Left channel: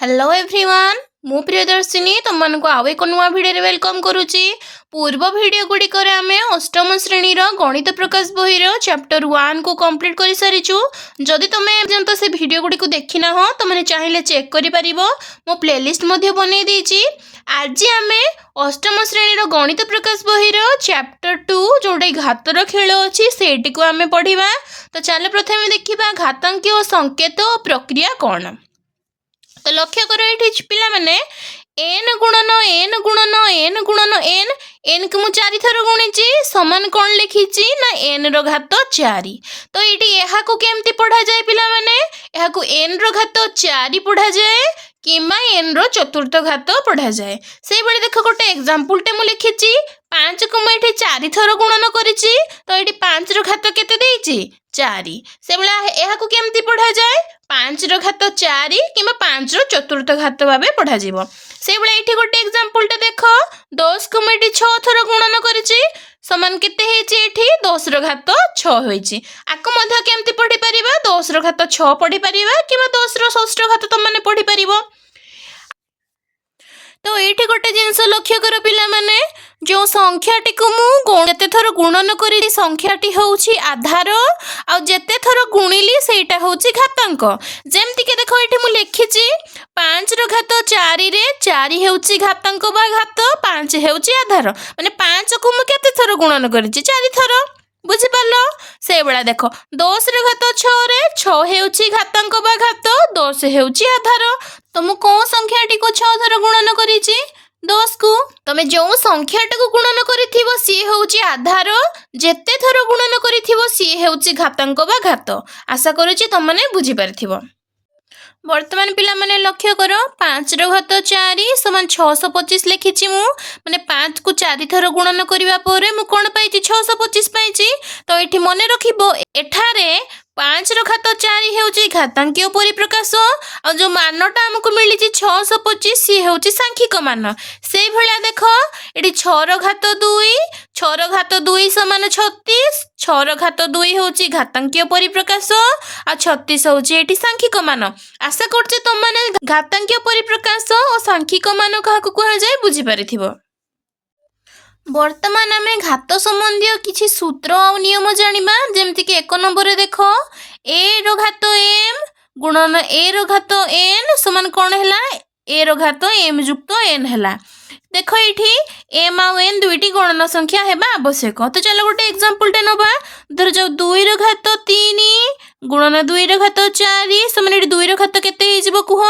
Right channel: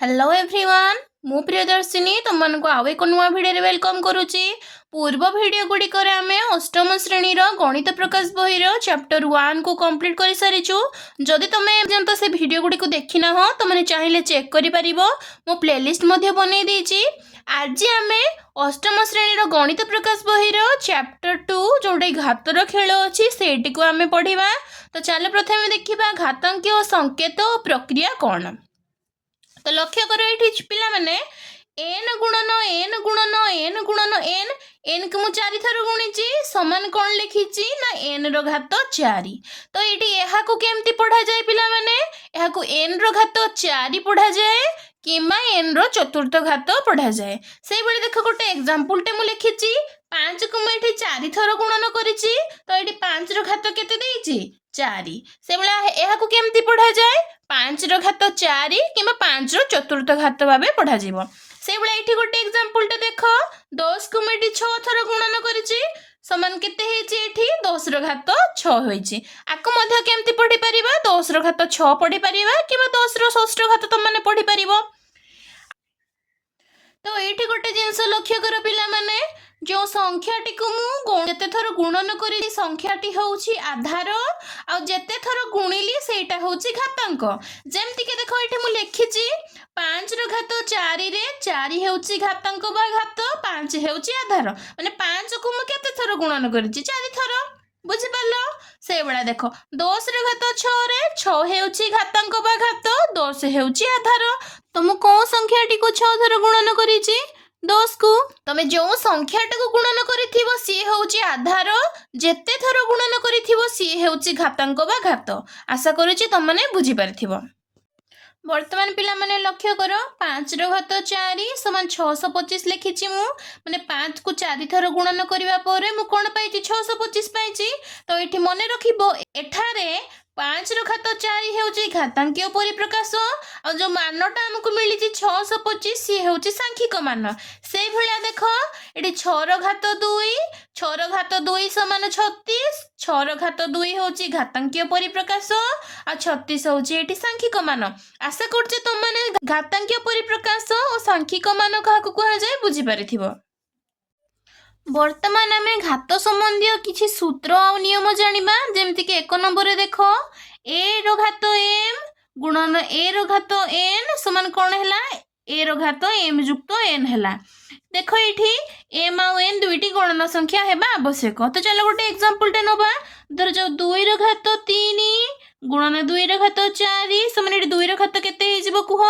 Hello everyone मु प्रियदर्शिनी तुमको आउ एक नुआ भिडियो वेलकम करुच्ची। पूर्व भिडियो गुड़िकर आम अष्टम श्रेणी गणित प्रकाश बही चैप्टर 1 को कंप्लीट कर सारीचु। जदि तुम पर्यंत से भिडियो गुड़ी को देखी ना तुमने चाहिए चेक कर मो प्लेलिस्ट बनई देछि। आज आम अष्टम श्रेणी गणित प्रकाश बही चैप्टर 2 जोटा घातर खेल अच्छी से आम पढ़ा। तो चल प्रथम देखा घातांकी और संकेत और प्रक्रिया कौन। तो लक्ष्य कर पिला माने एन गुणन एन गुणन एन गुणन एन एन को मुझे 4 थर गुणी समान कौन लिखी ना एन घात 4। तो ये केमती पढ़ा जाए पिला माने एन घात 4 पढ़ा जाए कि एन चतुर्थ घात पढ़ा जाए। से भाई देख गोटे एग्जाम्पल टे मुझे लिखी 5 को मुझे 4 थर गुणन करी। तो ये 5 घात के 4 से भाया केमती पढ़ा जाए 5 घात 4 कि 5 चतुर्थ घात भाव पढ़ा जीवो। से भाई ये गोटे एग्जाम्पल टे देख 10 को मुझे 6 थर गुणन करी समान केते 10 घात 6 होइछि। आको मध्य केमती पढ़ी परिबा 10 घात 6 पढ़ी परिबा कि 10 षष्ठ घात तुम माने पढ़ी परिबो। तो ये गोटे जिनस लक्ष्य कर पिला माने जो संख्याटी को मुझे थर गुणन करी संख्याटी होउछि आधार आ जेते थर गुणिली सेटा होउछि घातांक। जेमति के देखो ये मु लिखिछि 5 घात 4 रे 4 हेउछि घातांक बा घात 5 हेउछि आधार माने 5 को मु केते थर गुणन करिछि 4 थर बुझी पालो। से बेला देखो 10 घात 6 रे 6 हेउछि घातांक बा घात 10 हेउछि आधार। तो मु को संख्याटी को 6 थर गुणन करिछि 10 को तमे जो संख्याटा को गुणन करिथिबो सी होउछि आधार जेते थर गुणन करिथिबो सी होउछि घातांक बा घात। आशा करूछि तुम माने बुझी पारथिबो। वर्तमान पिला माने लक्ष्य करो 5 घात 4 समान 625 लिखिछि मु माने 5 को 4 थर गुणन करिवा परे मु कोन पाइछि 625 पाइछि। तो एठी मने रखिबो एठारे 5 घात 4 हेउछि घातांकीय परिप्रकाश और जो मानटा हमको मिली 625 सी हेउछि सांख्यिक मान। से भलिया देखो एठी 6 घात 2 समान 36 6 घात 2 हेउछि घातांकीय परिप्रकाश आ 36 हेउछि एठी सांख्यिक मान। आशा करछे तुम माने घातांकीय परिप्रकाश और सांख्यिक मान काहाकु कहा जाए बुझी पारिथिबो। वर्तमान आम घात संबंधी किसी सूत्र और नियम जानिबा। जेमति कि 1 नंबर रे देखो ए घात एम गुणन ए घात एन समान कौन है ए घात एम युक्त एन है। देखो ये एम आउ एन दुईटी गणन संख्या हेबा आवश्यक। तो चलो गोटे एग्जांपल टे नबा धर जो 2 घात 3 गुणन 2 घात 4 समान 2 घात केते हिजबो कुह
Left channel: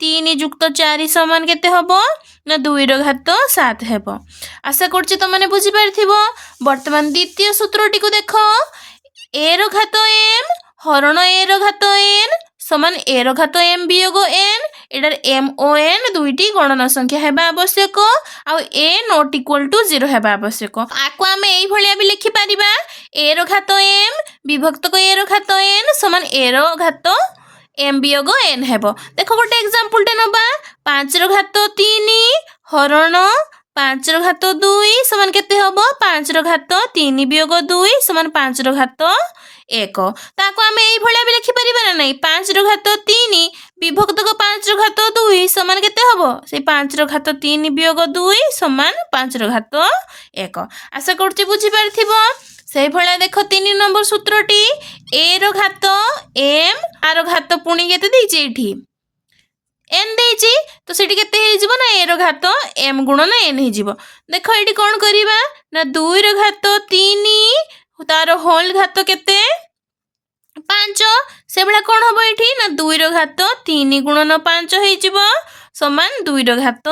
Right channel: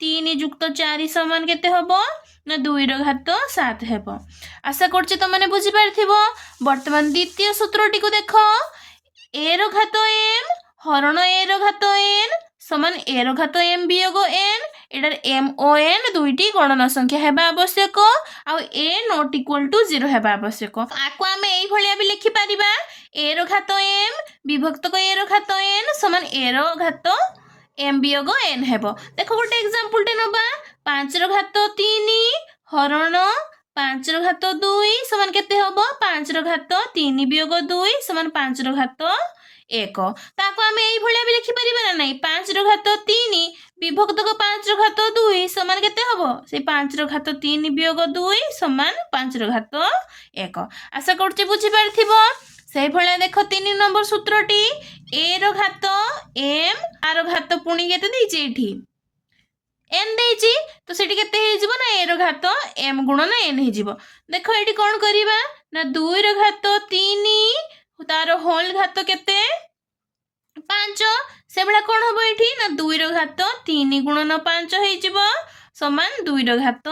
3 युक्त 4 समान केते हबो ना 2 घात 7 हेबो। आशा करछि तुम माने बुझी पारथिबो। वर्तमान द्वितीय सूत्रटी को देखो ए घात एम हरण ए घात एन समान ए घात एम वियोग एन एटार एम ओ एन दुईटी गणना संख्या हेबा आवश्यक आ ए नॉट इक्वल टू 0 हेबा आवश्यक। आको आमे एई भलिया भी लिखि परिबा ए घात एम विभक्त को ए घात एन समान ए घात एम वियोग एन हेबो। देखो गोटे एग्जांपल टे नबा 5 घात 3 हरण 5 घात 2 समान केते हबो 5 घात 3 वियोग 2 समान 5 घात 1। ताको आमे एई भलिया भी लिखि परिबा ना नै 5 घात 3 विभक्त को 5 घात 2 समान केते हबो से 5 घात 3 वियोग 2 समान 5 घात 1। आशा करछि बुझी पारथिबो। से भलिया देखो 3 नंबर सूत्रटी ए घात एम आर घात पुणी केते दैछि एठी एन दैछि। तो सेठी केते हे जिवो ना ए घात एम गुणन एन हे जिवो। देखो एठी कोन करिबा ना 2 घात 3 तार होल घात केते 5 से भला कोन हबो एठी ना 2 घात 3 गुणन 5 हे जिवो समान 2 घात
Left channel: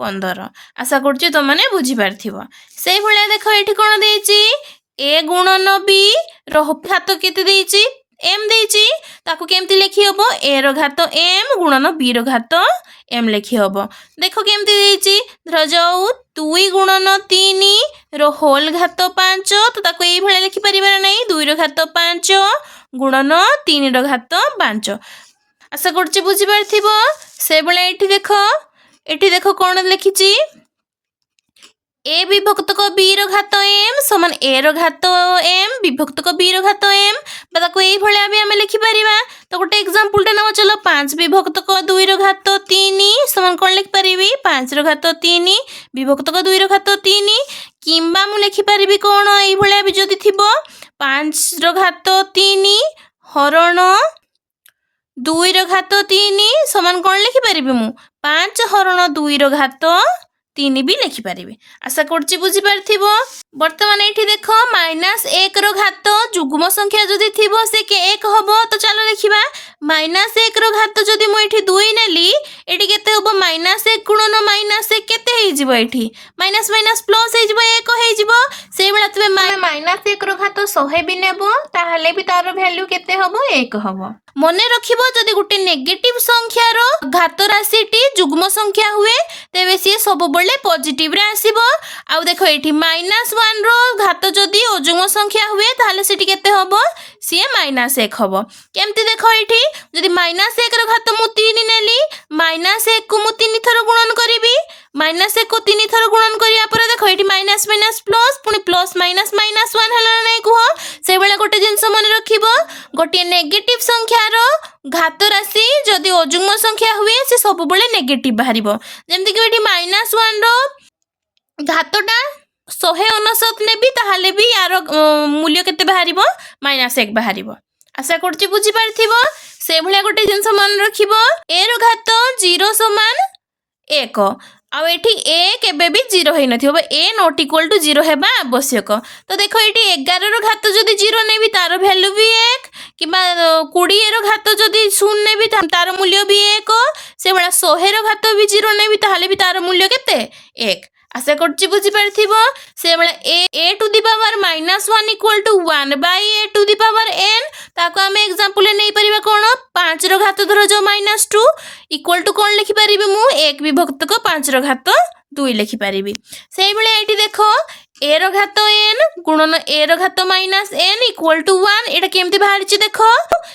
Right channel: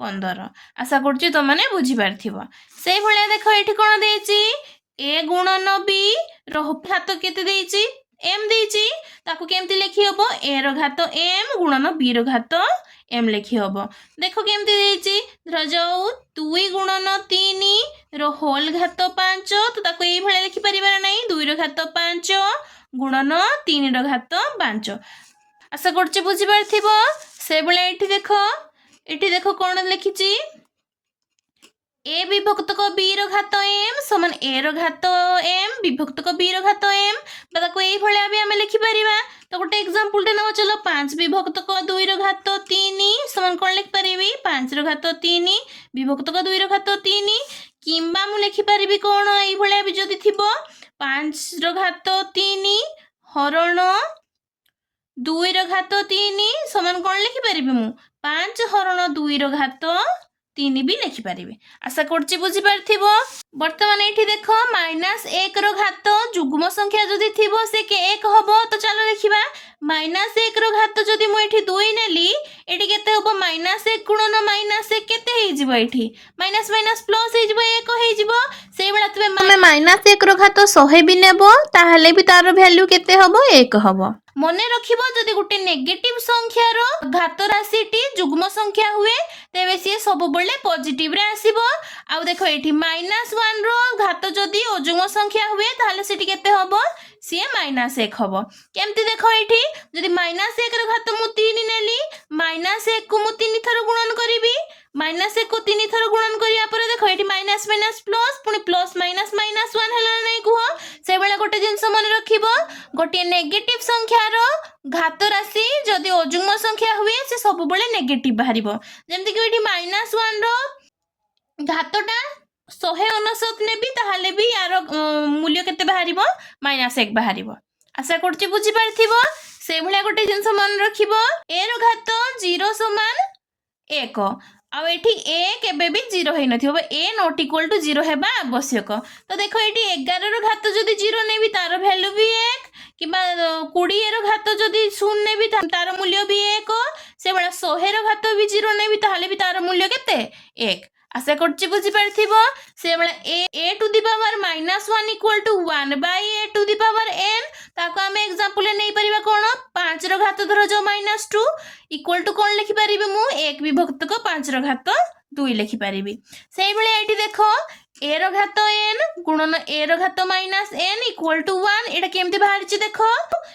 15। आशा करछि तो माने बुझी पारथिबो। से भला देखो एठी कोन दैछि ए गुणन बी घात केते दैछि एम दैछि ताको केमती लिखि हबो ए घात एम गुणन बी घात एम लिखि हबो। देखो केमती दैछि धर जाऊ 2 गुणन 3 होल घात 5 तो ताको एई भले लिखि परिबा नै 2 घात 5 गुणन 3 घात 5। आशा करछि बुझी पारथिबो। से भले एठी देखो कोन लिखिछि ए विभक्तक बी रो घात एम समान ए रो घात एम विभक्तक बी रो घात एम ताको एई भलिया भी आमे लिखि परिबा। तो गोटे एग्जांपल टे नवा चलो 5 विभक्तक 2 रो घात 3 समान कोन लिखि परिबी 5 रो घात 3 विभक्तक 2 रो घात 3 किंबा मु लिखि परिबी कोन एई भलिया भी जदी थिबो 5 रो घात 3 हरण 2 रो घात 3 समान कोन लिखि परिबी मु 5 हरण 2 रो घात 3 भी लिखि पारिबे। आशा करछि बुझी पारथिबो। वर्तमान एठी देखो -1 रो घात जुग्म संख्या जदी थिबो से के 1 हबो तो चलो लिखिबा -1 रो घात जदी मु एठी 2 नेली एठी केते हबो -1 गुणन -1 केते हेइ जिवो एठी माइनस माइनस प्लस हेइ जिवो 1 हेइ जिवो से बेला तबे -1 रो घात 100 भी नेबो ताहले भी तार वैल्यू केते हबो 1 हबो। मने रखिबो जदी गुटे नेगेटिव संख्या रो घात राशिटी जुग्म संख्या हुए तेबे सी सब बळे पॉजिटिव रे आसीबो। आ देखो एठी -1 रो घात जदी अजुग्म संख्या हुए ताहले सेठी केते हबो सी -1 हबो। केमती देखो एठी जदी -1 रो घात मु 3 नेली -1 को मु 3 थर गुणन करिवि -1 को 3 थर गुणन करिया पर देखो एठी माइनस माइनस प्लस पुनी प्लस माइनस माइनस 1 हला नै कुहो से बेला गोटे जिंस मन रखिबो गोटे नेगेटिव संख्या रो घात राशि जदी अजुग्म संख्या हुए से सब बळे नेगेटिव बाहरिबो। जेमति कि एठी -1 रो घातटा 159 नेबी ताहाले भी यार मूल्य केते बाहरिबो -1 बाहरिबो। आशा करछि बुझी पारथिबो। से भलिया गोटे जिंस मन रखिबो ए रो घात 0 समान 1 आ एठी ए केबे भी 0 हेइ नथिबो ए नॉट इक्वल टू 0 हेबा आवश्यक। तो देखो एठी 11 रो घात जदी 0 नेबी तार वैल्यू भी 1 किबा 20 रो घात जदी 0 नेबी तार मूल्य भी 1 से बळा 100 रो घात भी 0 नेबी ताहाले भी तार मूल्य केते 1। आशा करछि बुझी पारथिबो। से बळा a to the power -1 equal to 1 by a to the power n ताको हमें एग्जांपल ले नै परिबा कोन 5 रो घात धरो जो -2 इक्वल टू कोन लिखि परिबी मु 1 विभक्तक 5 रो घात 2 लिखि परिबी। सेही बळे एठी देखो a रो घात n गुणन a रो घात -n इक्वल टू 1 एटा केमति बाहरछि देखो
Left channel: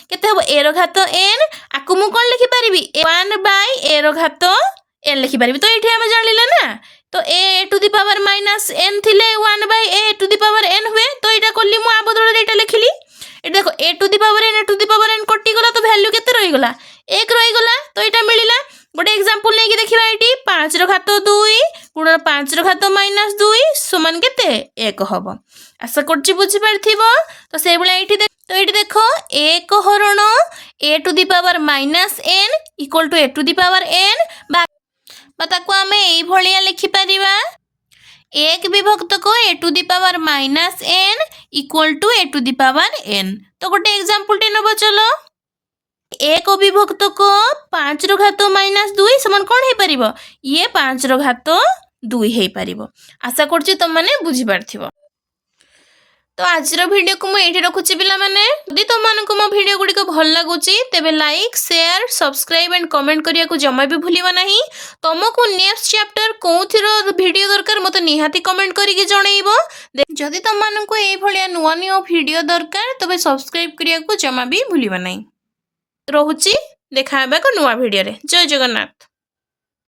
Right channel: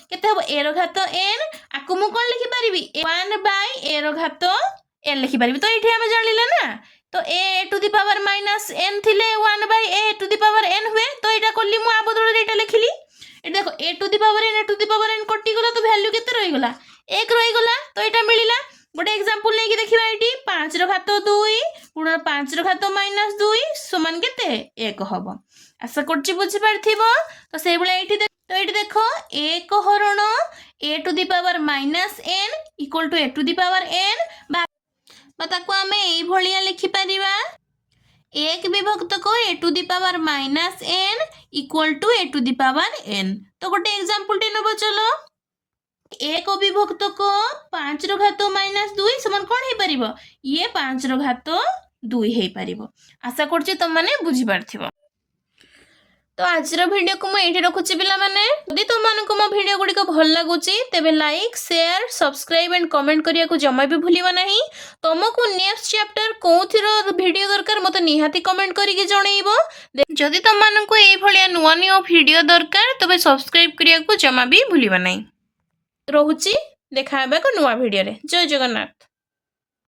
केते हबो a रो घात n आकु मु कोन लिखि परिबी 1 बाय a रो घात n लिखि परिबी। तो एठी हम जानिला ना तो a to the power -n थिले 1 by a to the power n हुए तो एटा कोली मु आ बदल एटा लिखिली। ए देखो a to the power n कटि गला तो वैल्यू केते रहि गला 1 रहि गला तो एटा मिलिला। गोटे एग्जांपल नै कि देखिबा एटी 5 रो घात 2 गुणन 5 रो घात -2 समान केते 1 हबो। आशा करछि बुझि पारथिबो। तो से बेला एटी तो एटी देखो 1 हरण a to the power -n equal to a to the power n बा ताको आमे एई भलिया लिखि परिबा 1 विभक्तक a to the power -n equal to a to the power n। तो गोटे एग्जांपल टे नबो चलो 1 विभक्तक 5 रो घात -2 समान कोन हे परिबो ये 5 रो घात 2 हे परिबो। आशा करछि तुम माने बुझि पारथिबो। तो आज वीडियो को मुझे रखुची पिला माने यदि तुम मानक मो वीडियो गुडी को भल लागुची तेबे like share subscribe and comment करिया को जमा भी भूलिबा नाही। तुमको नेक्स्ट चैप्टर कोथिरो वीडियो दरकार मते निहाती कमेंट करी के जणैबो। जदि तुम मानक ए भलिया नुवा नुवा वीडियो दरकार तबे सब्सक्राइब करिया को जमा भी भूलिबा नाही। रहुची देखा हेबा को नुवा वीडियो रे। जय जगन्नाथ।